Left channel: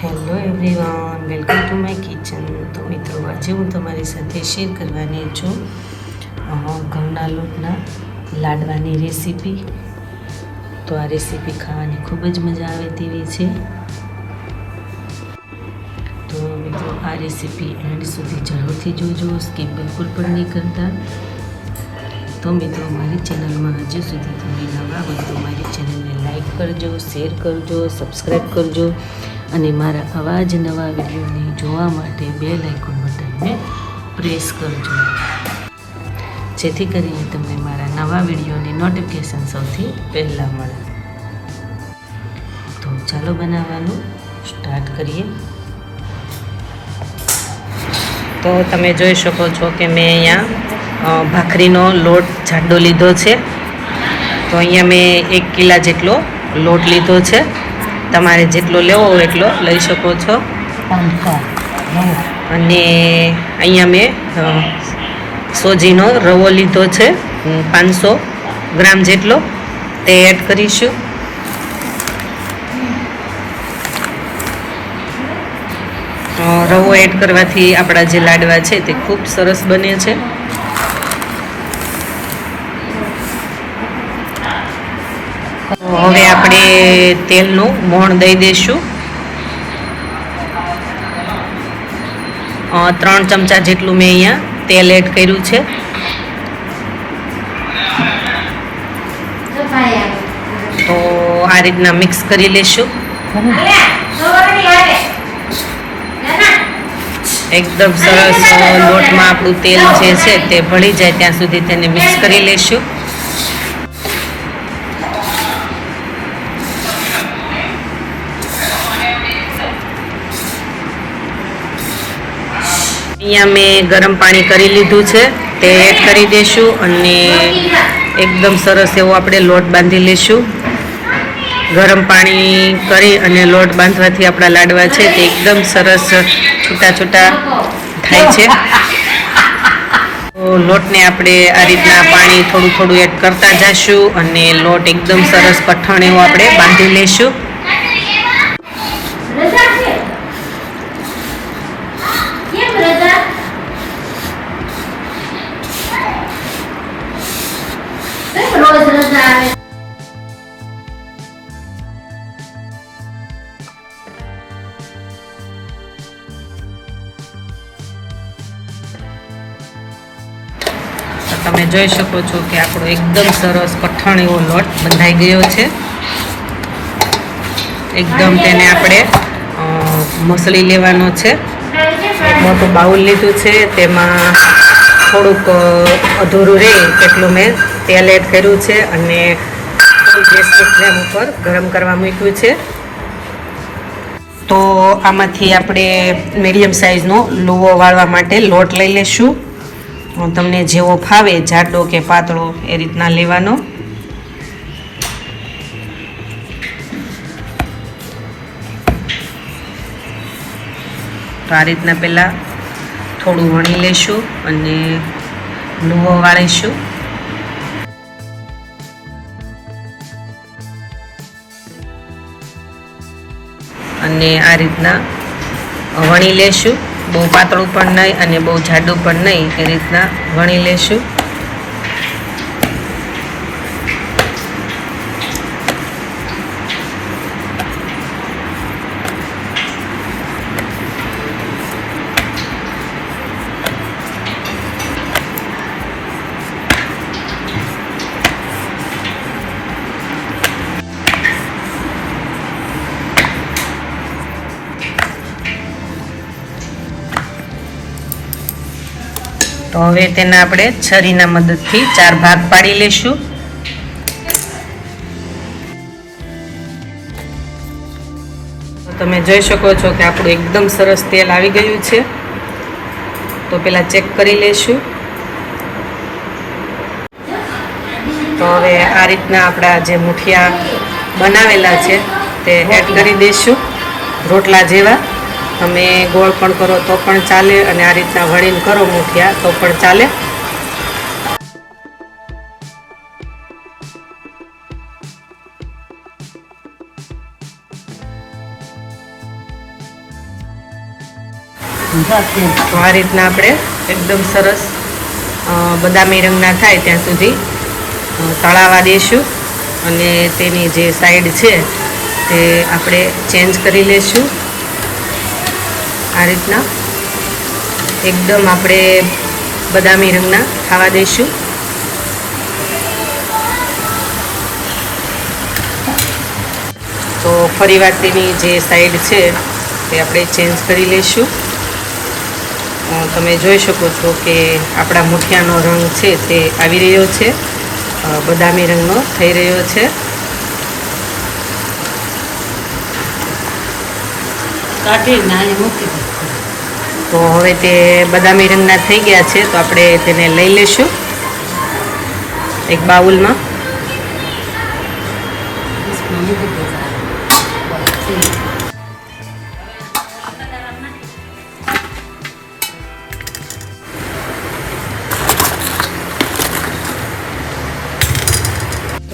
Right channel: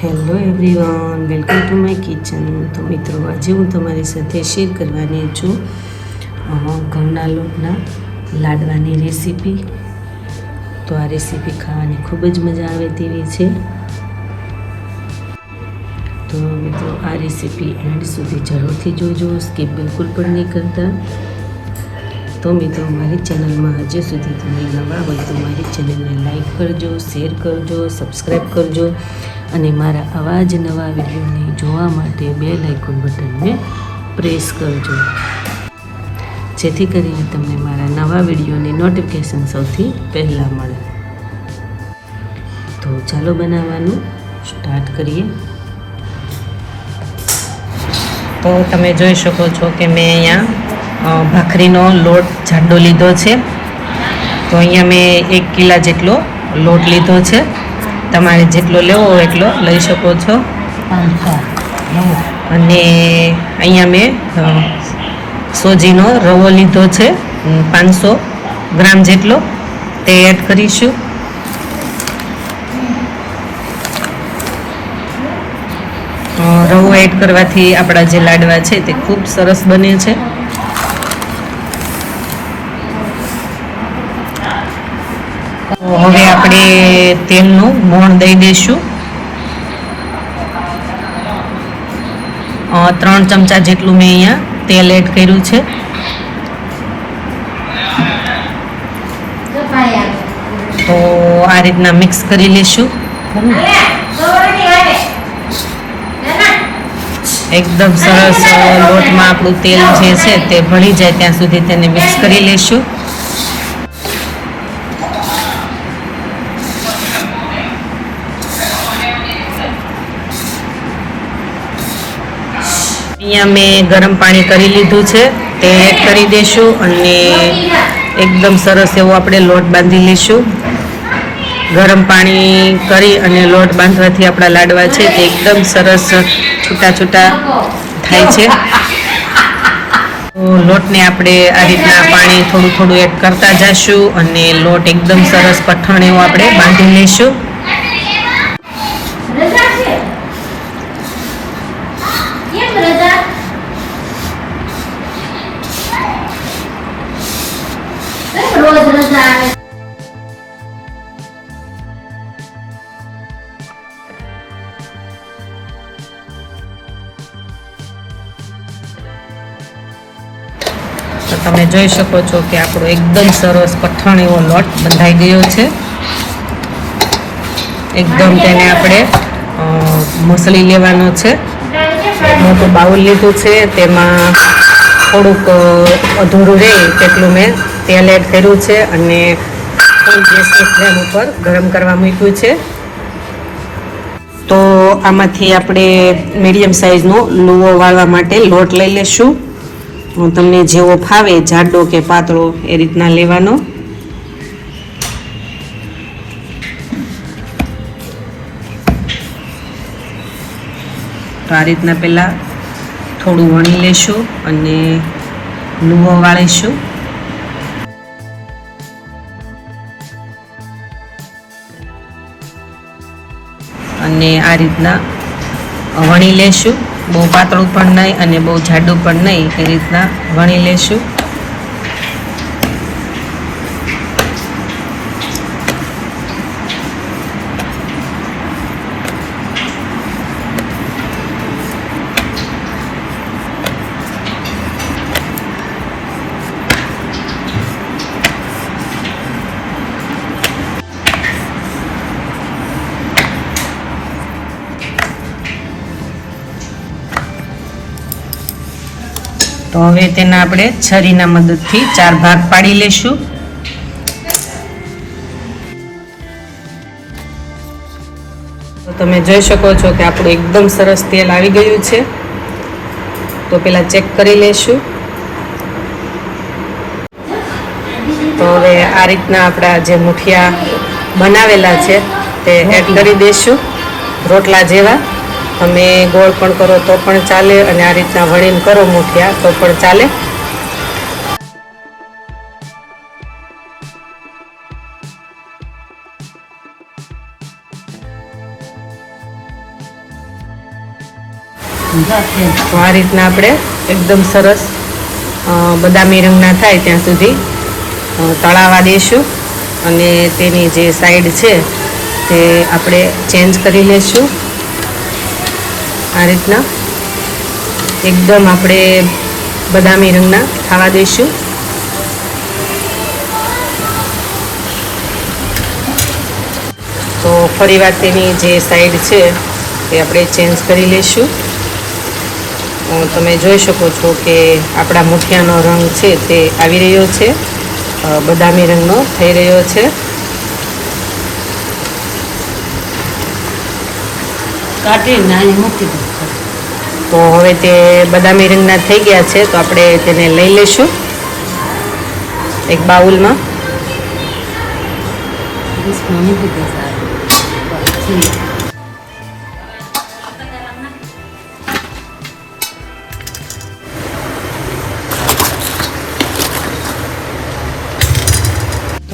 Hello everyone, welcome to my kitchen. તો મિત્રો, આજે હું તમારી સાથે શેર કરવાની છું ઘઉંના લોટના લાડવાની રેસીપી। તો આ રેસીપી ખાવાની ખૂબ જ મજા આવે તેવી છે। તો મિત્રો, આ રેસીપી એન્ડ સુધી જરૂરથી જોજો, સ્કીપ બિલકુલ પણ નહીં કરતા। તો મિત્રો, મારી ચેનલમાં હજુ સુધી તમે નવા હોય તો મારી ચેનલને લાઈક કરજો, શેર કરજો, સબસ્ક્રાઈબ કરજો અને મારા આવા જ નવા વિડીયોને જોવા માટે બેલ આઇકોન બટનને પ્રેસ કરજો, જેથી કરીને તમને મારા નવા વિડીયોની નોટિફિકેશન સૌથી પહેલાં મળે। તો ચાલો બનાવવાનું સ્ટાર્ટ કરીએ। તો તમે જોઈ શકો છો કે મેં અહીંયા ભાખરીનો લોટ જાડો લીધો છે। તો અહીંયા મેં 1 કિલા જેટલો લોટ લીધો છે। તમારે જેટલો લેવો હોય એટલો લઈ શકો છો। અને અહીંયા મેં સોજીનો રવો લીધો છે 500 ગ્રામ જેટલો, તે એડ કરીશું। રવો એડ કરવાથી આપણા જે લાડવા છે તે ખૂબ સરસ બને છે। હવે આપણે તેલનું મોણ દઈ દઈશું। 3 ચમચા જેટલું મેં અહીંયા તેલ એડ કર્યું છે। તો આ રીતના મિક્સ કરી લેશું। એકદમ સરસ લોટમાં આપણું તેલ જે છે તે ભળી જાય ત્યાં સુધી તેને મિક્સ કરી લેશું। અહીંયા મેં ગરમ પાણી કરી લીધું છે, તે એડ કરી દઈશું અને એકદમ સરસ એવો આપણે લોટ બાંધી લઈશું। ગરમ પાણી કરી અને લોટ બાંધવાથી આપણા લાડવા છે તે એકદમ સરસ છૂટા છૂટા થાય છે। તો લોટને આપણે આ રીતના પાણી થોડું થોડું એડ કરતા જઈશું અને લોટ એકદમ સરસ કઠણ એવો આપણે બાંધી લઈશું। તો તમે જોઈ શકો છો કે આપણો એકદમ સરસ કઠણ એવો લોટ બંધાઈ ગયો છે। એકદમ તેને આપણે મસળી લેવાનો છે। મોટું બાઉલ લીધું છે, તેમાં થોડુંક અધૂરું રહે તેટલું મેં તેલ એડ કર્યું છે અને ફૂલ ગેસની ફ્લેમ ઉપર ગરમ કરવા મૂક્યું છે। તો આમાંથી આપણે મીડિયમ સાઇઝનો લુવો વાળવા માટે લોટ લઈ લેશું। તમને જેવો ફાવે, જાડો કે પાતળો, એ રીતના લેવાનો। તો આ રીતના પહેલાં થોડું વણી લઈશું અને લુવો વાળીશું। અને આ રીતના વણી લેશું, બહુ પાતળું પણ નહીં અને બહુ જાડું પણ નહીં, એ રીતના વણી લેશું। તો હવે તેના આપણે છરીના મદદથી 4 ભાગ પાડી લેશું। તો તમે જોઈ શકો છો કે આપણું એકદમ સરસ તેલ આવી ગયું છે। તો પહેલા ચેક કરી લેશું। તો હવે આ રીતના આપણા જે મુઠિયા બનાવેલા છે તે એડ કરી દઈશું, રોટલા જેવા। તમે ગોળ પણ કરો તો પણ ચાલે અને આ રીતના વણીને કરો મુઠિયા તો પણ ચાલે। તો આ રીતના આપણે એકદમ સરસ બદામી રંગના થાય ત્યાં સુધી તળાવા દઈશું અને તેની જે સાઈડ છે તે આપણે ચેન્જ કરી લેશું. આ રીતના એકદમ આપણે બદામી રંગના થવા દઈશું. તો ફરીવાર તેની જે સાઈડ છે તે આપણે ચેન્જ કરી લઈશું. તમે જોઈ શકો છો કે આપણા મૂઠિયાનો રંગ છે તે આવી રહ્યો છે, બદામી રંગનો થઈ રહ્યો છે. તો હવે તે બદામી રંગના થઈ ગયા છે, તો આપણે તેને લઈ લઈશું એક બાઉલમાં.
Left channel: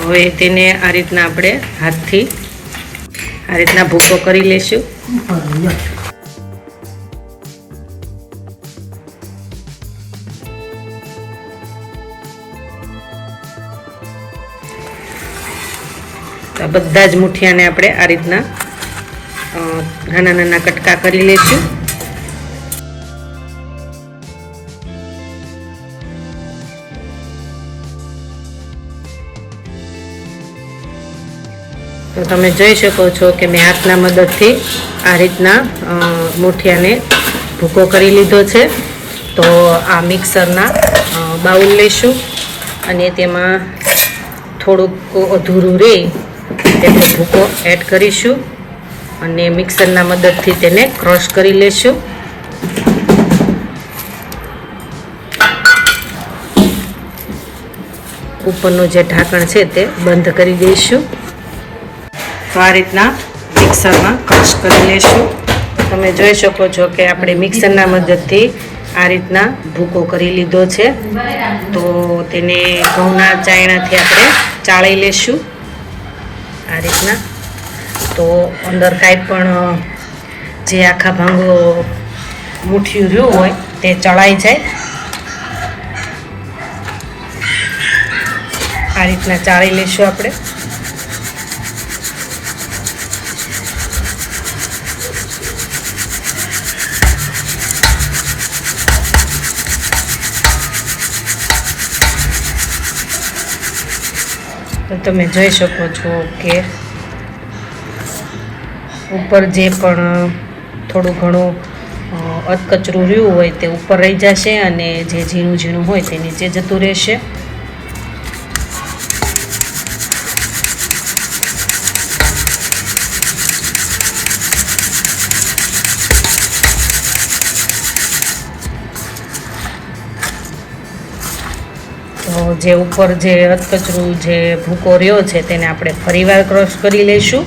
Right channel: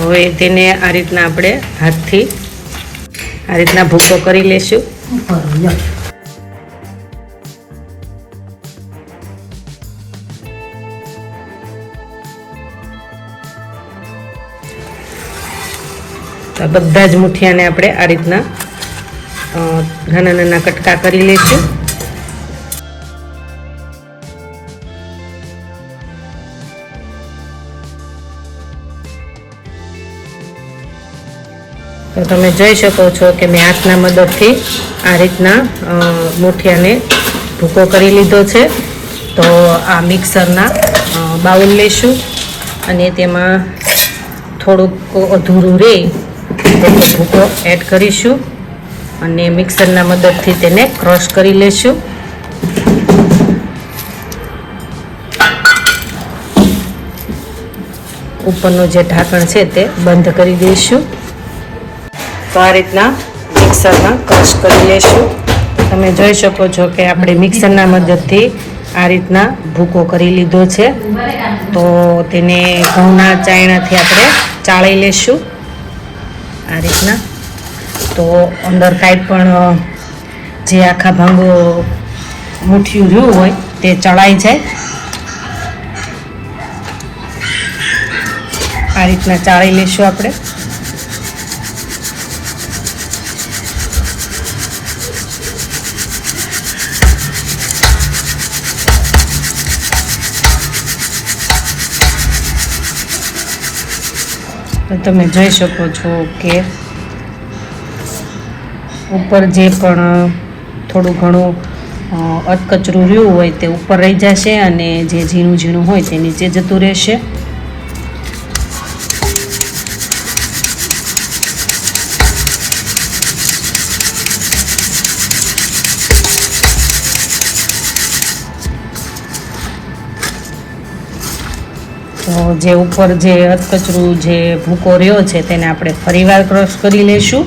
હવે તેને આ રીતના આપણે હાથથી આ રીતના ભૂકો કરી લેશું. બધા જ મુઠિયાને આપણે આ રીતના નાના નાના કટકા કરી લઈશું. તો તમે જોઈ શકો છો કે મેં હાથના મદદથી આ રીતના મુઠિયાને ભૂકો કરી લીધો છે. તો આ મિક્સરના બાઉલ લઈશું અને તેમાં થોડુંક અધૂરું રહે તેનો ભૂકો એડ કરીશું અને મિક્સરના મદદથી તેને ક્રશ કરી લેશું. ઉપરનું જે ઢાંકણ છે તે બંધ કરી દઈશું. તો આ રીતના મિક્સરમાં ક્રશ કરી લેશું. તમે જોઈ શકો છો કે આપણે મિક્સરના મદદથી આ રીતના ભૂકો કરી લીધો છે. તો તેને ઘઉંના ચાયણાથી આપણે ચાળી લેશું આ રીતના. તો અંદર કાંઈ પણ જે આખા ભાંગો મુઠ્ઠિયું રહ્યું હોય તે ચડાઈ જાય. આ રીતના ચાળી લેશું આપણે. તો તમે જોઈ શકો છો કે ઉપર જે પણ થોડું ઘણું અધકચરું રહ્યું હોય તે ઉપર રહી જશે અને જે ઝીણું ઝીણું હોય તે નીચે જતું રહેશે. તો જે ઉપર જે અધકચરું જે ભૂકો રહ્યો છે તેને આપણે ફરીવાર ક્રશ કરી લઈશું.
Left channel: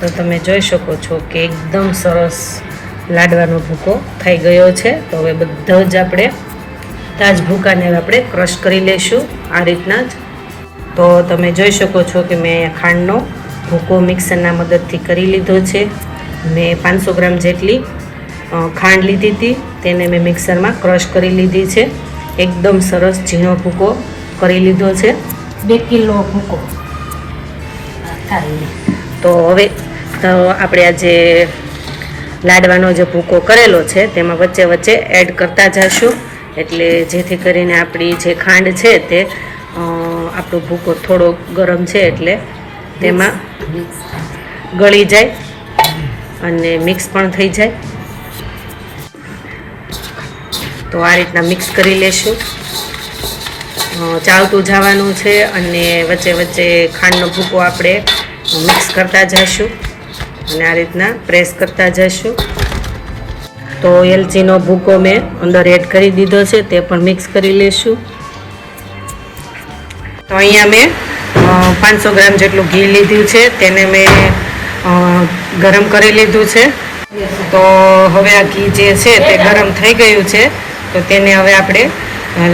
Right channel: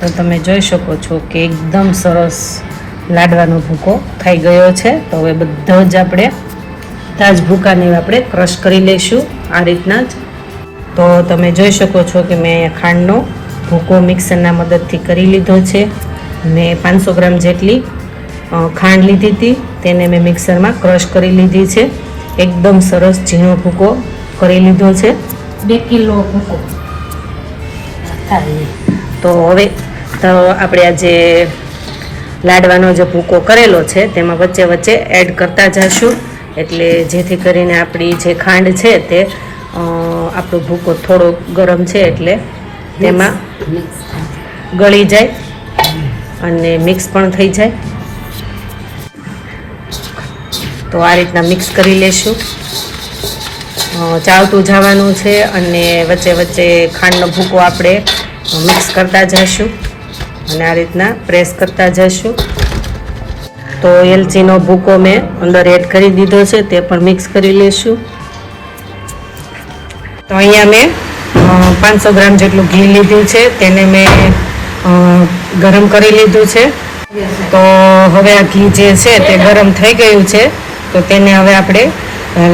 તો તમે જોઈ શકો છો કે એકદમ સરસ લાડવાનો ભૂકો થઈ ગયો છે. તો હવે બધો જ આપણે તાજ ભૂકાને આપણે ક્રશ કરી લઈશું આ રીતના જ. તો તમે જોઈ શકો છો કે મેં અહીંયા ખાંડનો ભૂકો મિક્સરના મદદથી કરી લીધો છે. મેં 500 ગ્રામ જેટલી ખાંડ લીધી હતી, તેને મેં મિક્સરમાં ક્રશ કરી લીધી છે. એકદમ સરસ ઝીણો ભૂકો કરી લીધો છે. 2 કિલો ભૂકો. તો હવે તો આપણે આ જે લાડવાનો જે ભૂકો કરેલો છે તેમાં વચ્ચે વચ્ચે એડ કરતા જઈશું, એટલે જેથી કરીને આપણી જે ખાંડ છે તે આપણો ભૂકો થોડો ગરમ છે એટલે તેમાં ગળી જાય અને મિક્સ પણ થઈ જાય. તો આ રીતના મિક્સ કરી લેશું. ચાવતું જવાનું છે અને વચ્ચે વચ્ચે ખાંડનો ભૂકો આપણે મિક્સ કરતા જઈશું અને આ રીતના પ્રેસ કરતા જઈશું. તો એલચીનો ભૂકો મેં અંદર એડ કરી દીધો છે, તે પણ મિક્સ કરી લેશું. તો અહીંયા મેં 500 ગ્રામ જેટલું ઘી લીધું છે, તેને મેં ગરમ કરી લીધું છે. તો હવે આ ઘી જે છે તે ગરમ થઈ ગયું છે, તો તેને હવે આપણે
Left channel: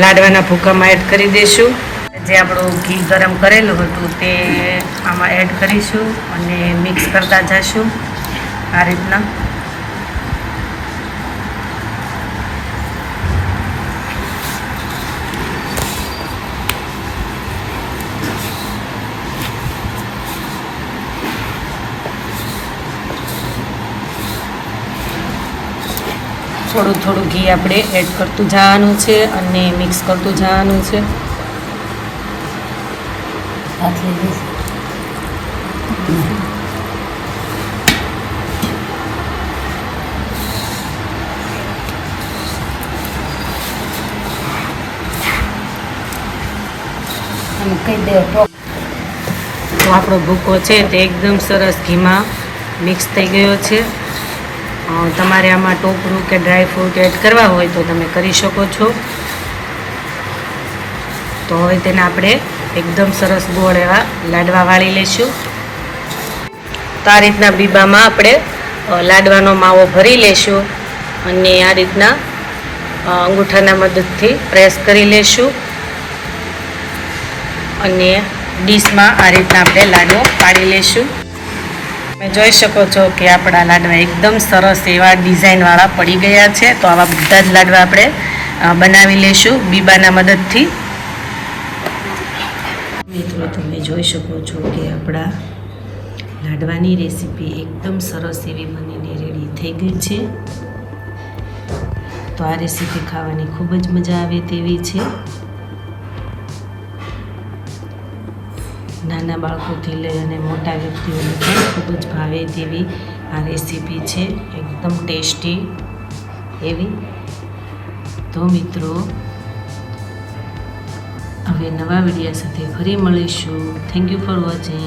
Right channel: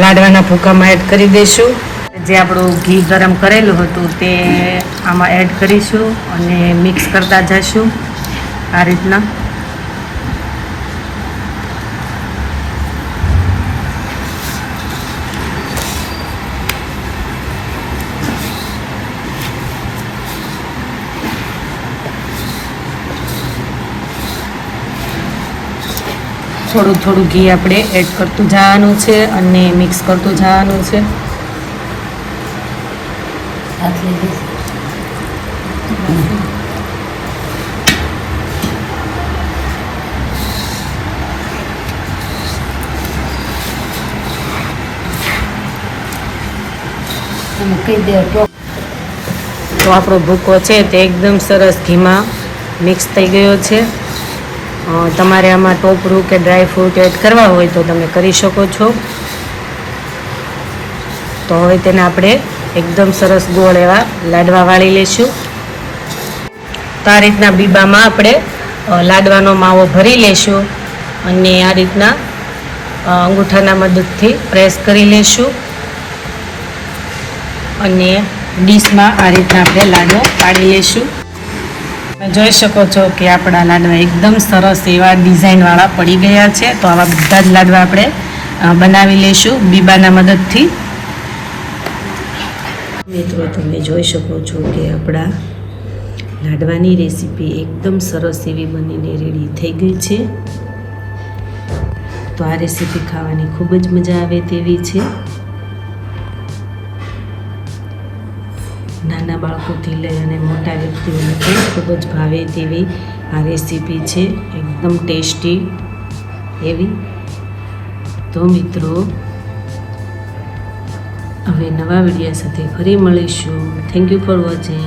લાડવાના ભૂકામાં એડ કરી દઈશું. જે આપણું ઘી ગરમ કરેલું હતું તે આમાં એડ કરીશું અને મિક્સ કરતા જઈશું આ રીતના. થોડું થોડું ઘી આપણે એડ કરતું જવાનું છે અને મિક્સ કરતું જવાનું છે. તો આપણો ભૂકો છે તે એકદમ સરસ ઘીમાં મિક્સ થઈ ગયો છે. તમારે આમાં ટોપરું કે ડ્રાય ફ્રૂટ એડ કરવા હોય તો તમે કરી શકો છો. તો હવે તેને આપણે એકદમ સરસ ગોળ એવા લાડવા વાળી લઈશું. તો આ રીતના બીબામાં આપણે લાડવાનો માવો ભરી લઈશું અને આ રીતના અંગૂઠાના મદદથી પ્રેસ કરી લઈશું અને ડીશમાં આ રીતના આપણે લાડવો પાડી લઈશું. તમે જોઈ શકો છો કે આપણા લાડવા એકદમ સરસ એવા ડિઝાઇનવાળા પડી ગયા છે. તો આવા બધા જ લાડવા આપણે બનાવી લઈશું બીબાના મદદથી. મિત્રો તમે જોઈ શકો છો કે આપણા લાડવાની રેસીપી એકદમ સરસ એવી બનીને રેડી થઈ ગઈ છે. તો આ રેસીપી ખાવાની ખૂબ જ મજા આવે તેવી છે. નાના બાળકોથી લઈ અને મોટા વ્યક્તિઓને પણ ખૂબ જ ભાવે તેવી આ રેસીપી છે, એકદમ ટેસ્ટી એવી. તો મિત્રો હવે નવા વિડીયો સાથે ફરી મળીશું. Thank you for watching.